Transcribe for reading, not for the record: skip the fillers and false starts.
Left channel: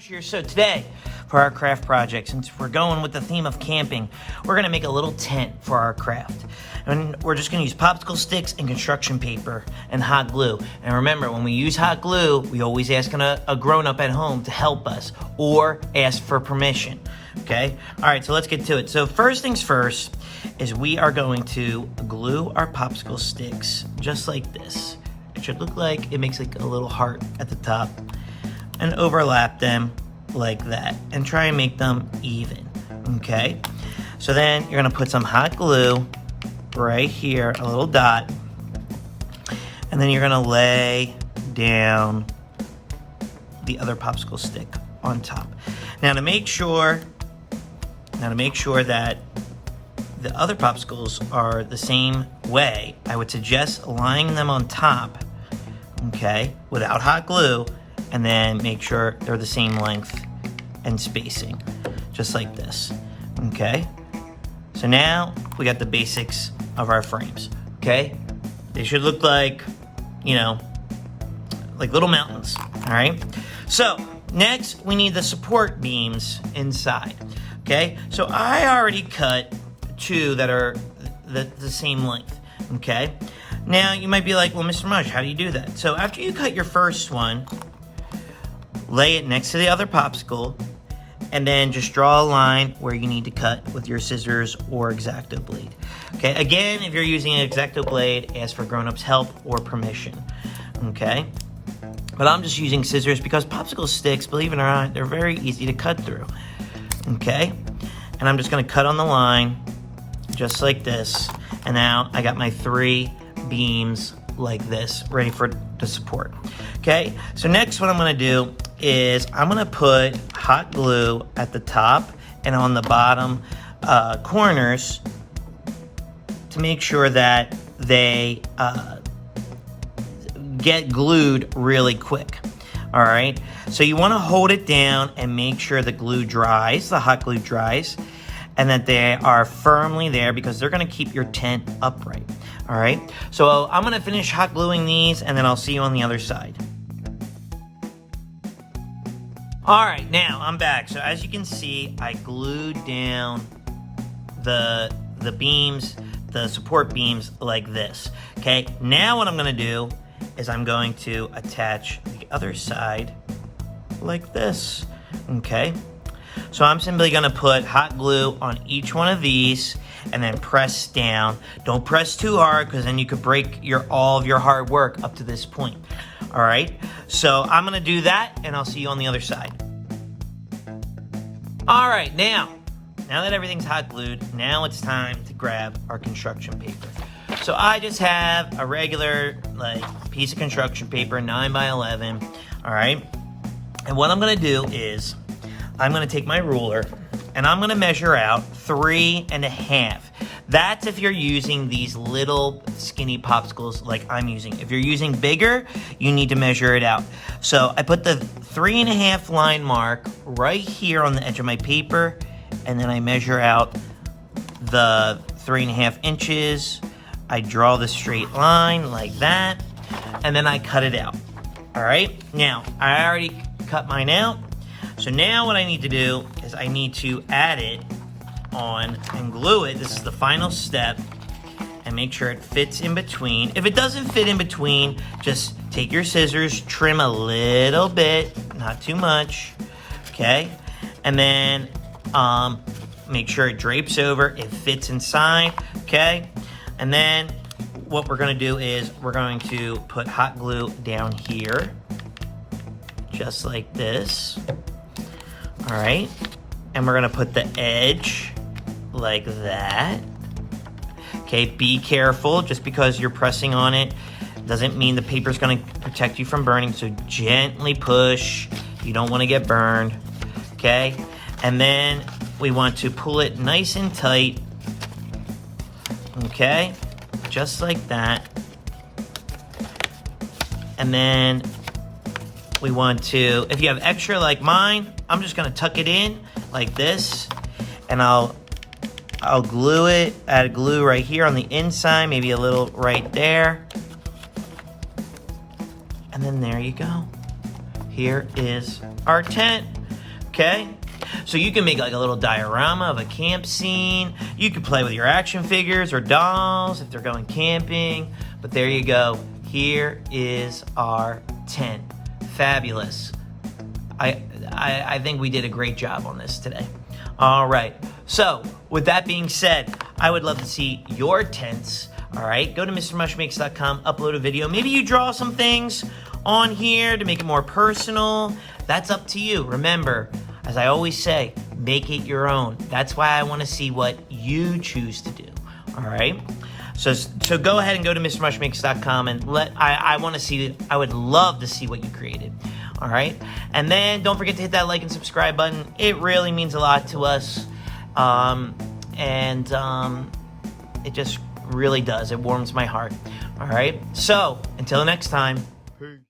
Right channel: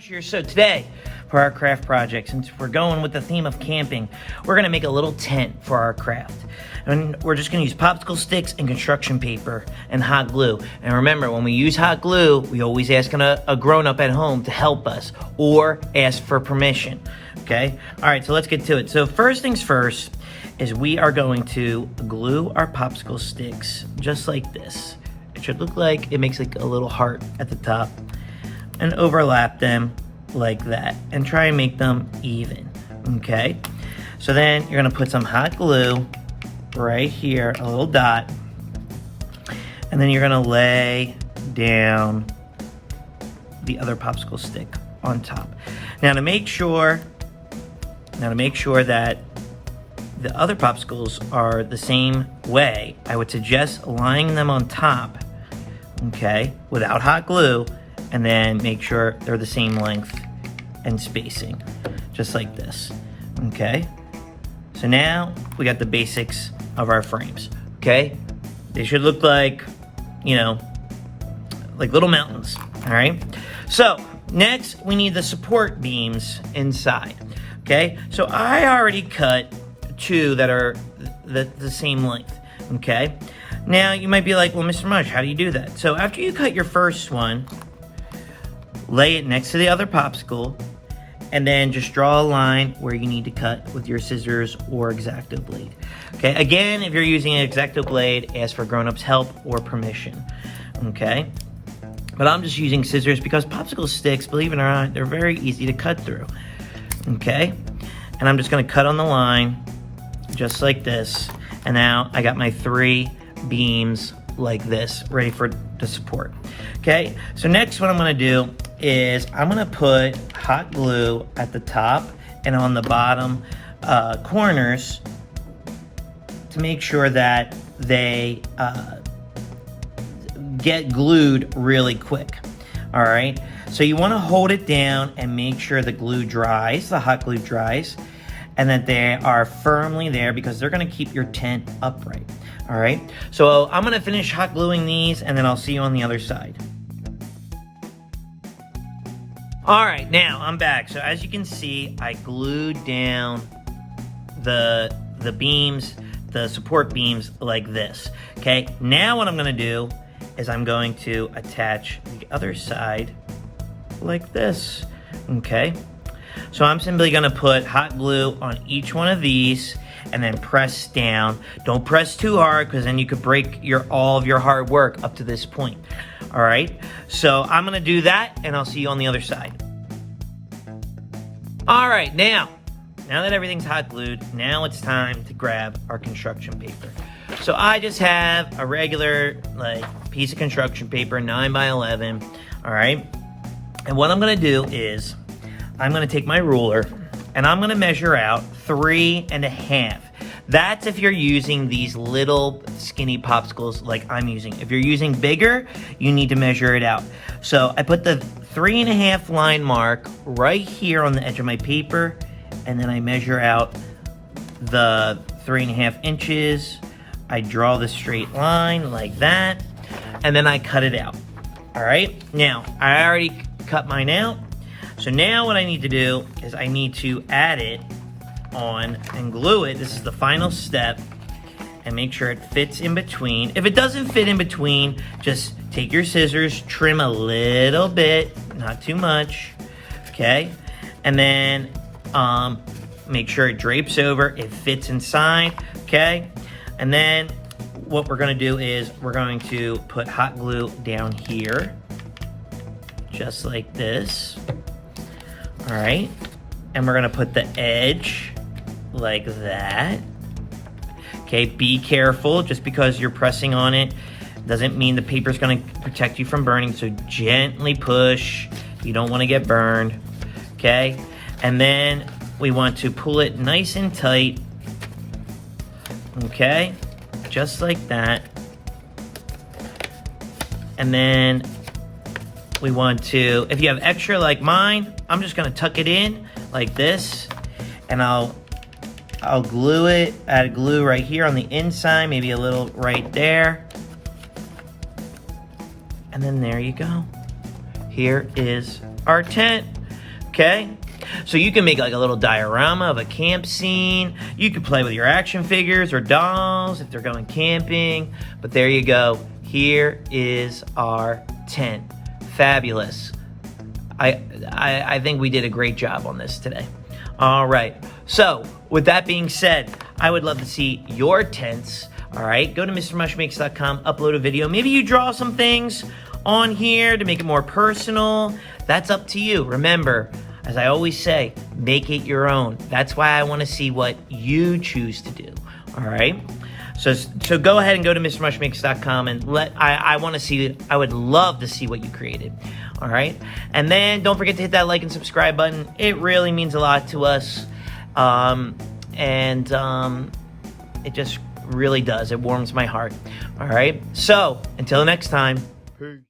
Here. So today, for our craft project, since we're going with the theme of camping, we're going to make a little tent for our craft. And we're just going to use popsicle sticks and construction paper and hot glue. And remember, when we use hot glue, we always ask a grown-up at home to help us or ask for permission, okay? All right, so let's get to it. So first things first is we are going to glue our popsicle sticks just like this. It should look like it makes like a little heart at the top, and overlap them like that and try and make them even, okay? So then you're gonna put some hot glue right here, a little dot, and then you're gonna lay down the other popsicle stick on top. Now to make sure that the other popsicles are the same way, I would suggest laying them on top, okay, without hot glue, and then make sure they're the same length and spacing, just like this, okay? So now we got the basics of our frames, okay? They should look like, you know, like little mountains, all right? So next we need the support beams inside, okay? So I already cut two that are the same length, okay? Now you might be like, well, Mr. Mush, how do you do that? So after you cut your first one, lay it next to the other popsicle, and then just draw a line where you need to cut with your scissors or X-Acto blade. Okay, again, if you're using an X-Acto blade, ask for grown-ups' help or permission, okay? But I'm just using scissors because popsicle sticks, believe it or not, they're very easy to cut through, okay? And I'm just gonna cut on the line, just like this, and now I got my 3 beams like this, ready for the support. Okay, so next what I'm gonna do is I'm gonna put hot glue at the top and on the bottom corners to make sure that they get glued really quick, all right? So you wanna hold it down and make sure the glue dries, the hot glue dries, and that they are firmly there because they're gonna keep your tent upright, all right? So I'm gonna finish hot gluing these and then I'll see you on the other side. All right, now I'm back. So as you can see, I glued down the beams, the support beams like this, okay? Now what I'm gonna do is I'm going to attach the other side like this, okay? So I'm simply gonna put hot glue on each one of these and then press down. Don't press too hard because then you could break all of your hard work up to this point. All right, so I'm gonna do that and I'll see you on the other side. All right, now that everything's hot glued, now it's time to grab our construction paper. So I just have a regular piece of construction paper, 9 by 11, all right? And what I'm gonna do is I'm gonna take my ruler and I'm gonna measure out 3.5. That's if you're using these little skinny popsicles like I'm using. If you're using bigger, you need to measure it out. So I put the 3.5 line mark right here on the edge of my paper, and then I measure out the 3.5 inches. I draw the straight line like that, and then I cut it out. All right, now I already cut mine out. So now what I need to do is I need to add it on and glue it. This is the final step, and make sure it fits in between. If it doesn't fit in between, just take your scissors, trim a little bit, not too much, okay? And then make sure it drapes over, it fits inside, okay? And then what we're gonna do is we're going to put hot glue down here, just like this, all right? And we're gonna put the edge like that. Okay, be careful. Just because you're pressing on it doesn't mean the paper's gonna protect you from burning, so gently push. You don't wanna get burned, okay? And then we want to pull it nice and tight, okay? Just like that. And then we want to, if you have extra like mine, I'm just gonna tuck it in like this, and I'll glue it, add glue right here on the inside, maybe a little right there. And then there you go. Here is our tent. okay? So you can make like a little diorama of a camp scene. You could play with your action figures or dolls if they're going camping. But there you go. Here is our tent. Fabulous. I think we did a great job on this today. All right. So with that being said, I would love to see your tents. All right. Go to MrMushMakes.com, upload a video. Maybe you draw some things on here to make it more personal. That's up to you. Remember, as I always say, make it your own. That's why I want to see what you choose to do. All right. So go ahead and go to MrMushMakes.com and I want to see. I would love to see what you created. All right. And then don't forget to hit that like and subscribe button. It really means a lot to us. It just really does. It warms my heart. All right. So until next time. Peace.